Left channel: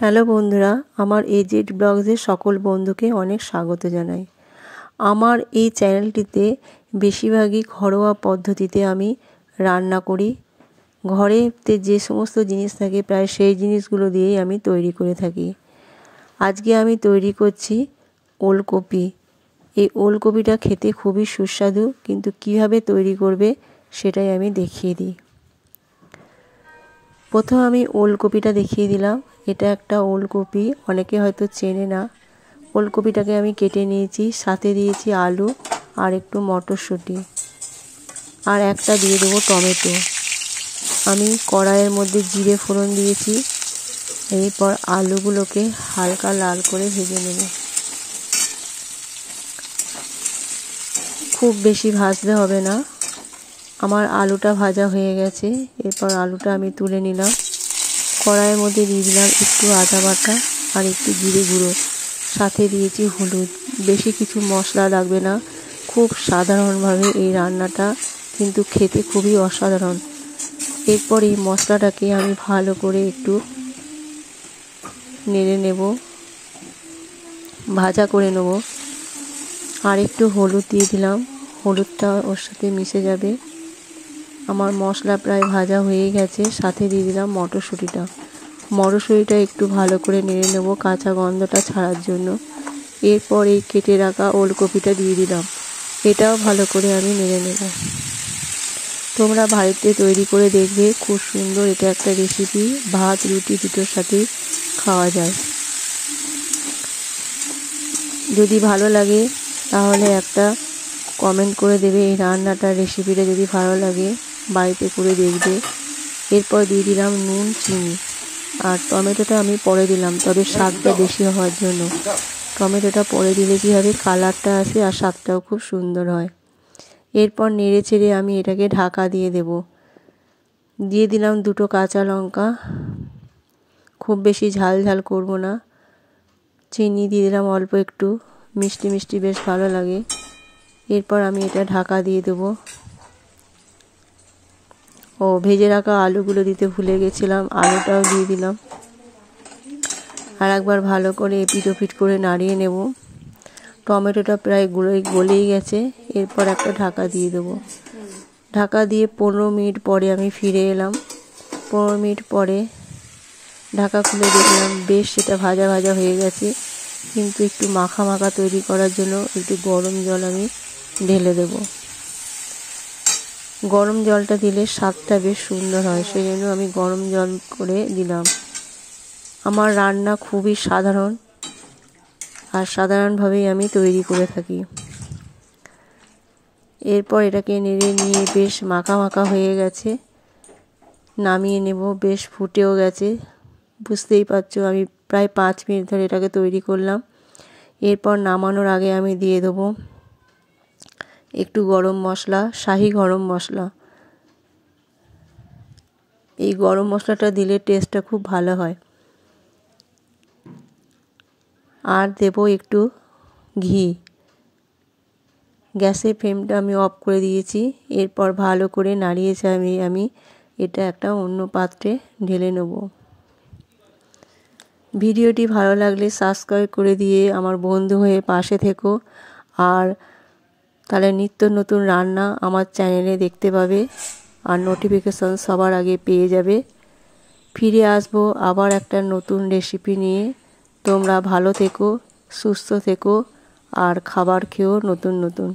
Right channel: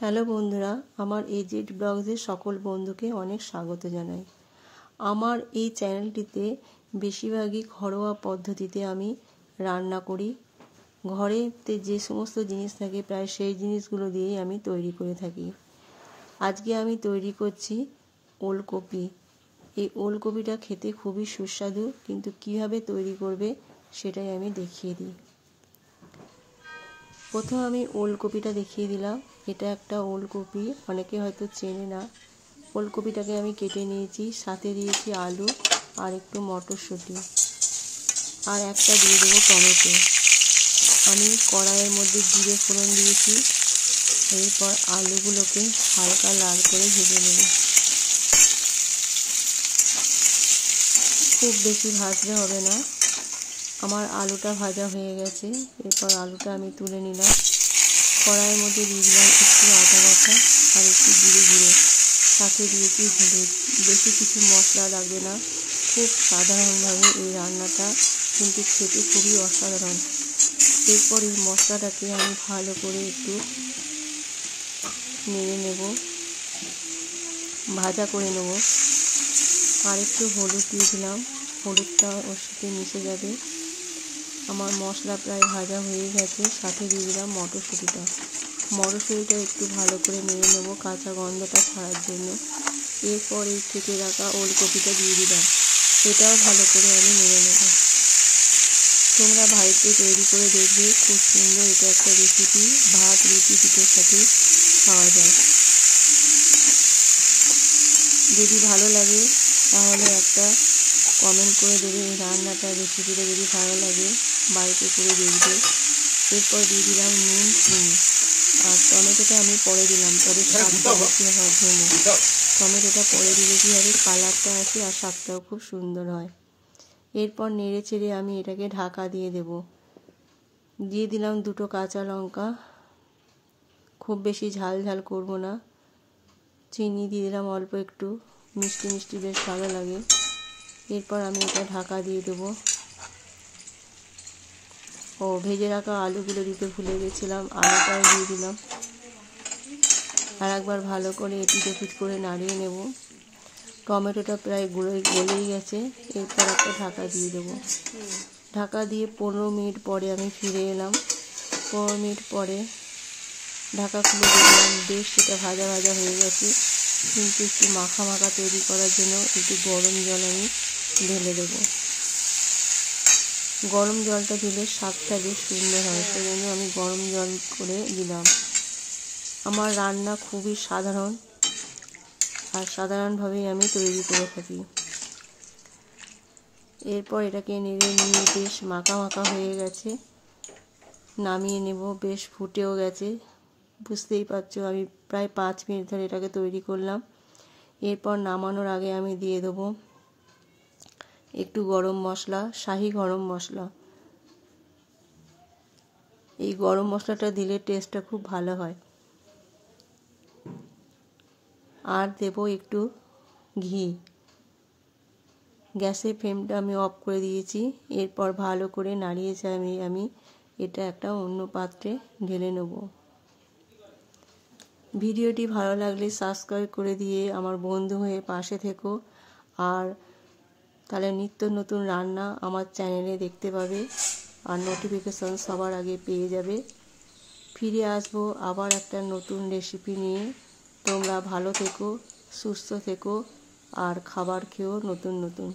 Hello বন্ধুরা, আমার AZ ব্লগসের সকল বন্ধুকে অনেক স্বাগত জানাই। আমার এই চ্যানেলটিতে বেশিরভাগই ঘরোয়া পদ্ধতিতে আমি রান্না করি। ঘরেতে যে সমস্ত জিনিস থাকে প্রায় সেই জিনিসগুলো দিয়েই আমি তৈরি করে থাকি। আজকে আমি তৈরি করছি ওলকপি। এই ওলকপিটা খেতে খুবই সুস্বাদু, কিন্তু কিভাবে তৈরি করবে সেটাই আমি দেখিয়ে দিই। প্রথম আমি ওলকপিটা দেখিয়ে দিলাম। এটা একটা ওলকপি, অনেকে হয়তো চেনে না। ওলকপিটাকে আমি কেটে নিয়েছি, সাথে দিয়েছি আলু আর একটু মটরশুঁটি, আর একটা দিয়ে দেবো টমেটো। আমি কড়াইয়ের মধ্যে জিরে ফোড়ন দিয়েছি। এরপর আলুগুলোকে হালকা লাল করে ভেজে নেব। খুব বেশি ভাজতে হবে না। আমার আলুটা ভাজা হয়ে গেছে। এরপর আলুটা আমি তুলে নিলাম। কড়াইয়ের মধ্যে দিয়ে দিলাম একটু আদা বাটা আর একটু জিরে গুঁড়ো, সাথে দিয়েছি হলুদ। বেশি কিছু মশলা লাগবে না, খুব সাধারণভাবে এই রান্নাটা, কিন্তু খেতে খুবই অসাধারণ। এরপর এই মশলাটাকে আমি ভালো করে একটু নেড়ে নেব, ভাজা করে নেব। আর একটু হলুদ দিয়ে দিলাম, হলুদটা ওর সাথে মিশে যাবে। আমার মশলা প্রায় ভাজা হয়ে গেছে। সাথে দিয়ে দিলাম মটরশুঁটিটা একটু ভালো করে নেড়ে নেব কাঁচা গন্ধটা ছাড়ার জন্য। এরপর এই কেটে রাখা ওলকপিটা দিয়ে দিলাম, এটাও ভালো করে আমি নেড়ে নেব। তোমরা বাড়িতে তৈরি করে দেখবে, খুব সুন্দর। এটা একটা রেসিপি, ভাত রুটি দুটোর সাথে খাওয়া যায়। যদি ভালো লাগে তাহলে একটা কমেন্ট করে দেবে। এই রান্নাটা রেসিপিটা যদি ভালো লাগে বাড়িতে করে দেখবে। এরপর দিয়ে দিলাম নুন, চিনি, আর টমেটোটা আমি পরে দিলাম, তবে স্বাদটা বেশি হওয়ার জন্য। টমেটোটা পরে দিলে কী হবে, কালারটা আসে আর স্বাদটাও খুব সুন্দর হয়। এরপর নেড়ে চেড়ে আমি এটাকে ঢাকা দিয়ে দেব। দিয়ে দিলাম দুটো কাঁচা লঙ্কা, খুব বেশি ঝাল ঝাল করব না। চিনি দিয়ে দিলাম অল্প একটু, মিষ্টি মিষ্টি বেশ ভালো লাগে। এরপর আমি এটা ঢাকা দিয়ে দেবো। ভেজে রাখা আলুগুলো দিতে ভুলে গেছিলাম, আলুটাও দিয়ে দিলাম। আর একবার ভালো করে এপিট ওপিট করে নাড়িয়ে নেব। টমেটোটা প্রায় গলেই গেছে। এরপর একটা ঢাকা দিয়ে দেবো। ঢাকা দিয়ে 15 মিনিট পরে আমি ফিরে এলাম। 15 মিনিট পরে ঢাকা খুলে দেখলাম বেশ সেটা ভাজা ভাজা হয়ে গেছে, কিন্তু একটু মাখা মাখা তৈরি করার জন্য একটু গরম জল আমি ঢেলে দেব। গরম জলটা দিলে স্বাদটা বেশ সুন্দর হয়, সেই জন্য আমি গরম জল করে দিলাম। আমার রান্না খুবই সাধারণ, আর সাধারণভাবেই আমি তৈরি করে থাকি। এরপর এটাকে নেড়ে নিয়ে বেশ মাখা মাখা হয়ে গেছে, নামিয়ে নেব। বেশ ফুটেও গেছে, বুঝতেই পারছো আমি প্রায় 5 মিনিট ধরে এটাকে তৈরি করলাম। এরপর নামানোর আগে আমি দিয়ে দেবো একটু গরম মশলা, শাহি গরম মশলা। এই গরম মশলাটা দিলে টেস্টটা খুব ভালো হয়। আর দেবো একটু ঘি। গ্যাসের ফ্লেমটা আমি অফ করে দিয়েছি। এরপর ভালো করে নাড়িয়ে চাড়িয়ে আমি এটা একটা অন্য পাত্রে ঢেলে নেব। ভিডিওটি ভালো লাগলে সাবস্ক্রাইব করে দিয়ে আমার বন্ধু হয়ে পাশে থেকো, আর তাহলে নিত্য নতুন রান্না আমার চ্যানেলে দেখতে পাবে আর নোটিফিকেশন সবার আগে পেয়ে যাবে। ফিরে আসবো আবার একটা নতুন রেসিপি নিয়ে। তোমরা ভালো থেকো, সুস্থ থেকো, আর খাবার খেও নতুন নতুন।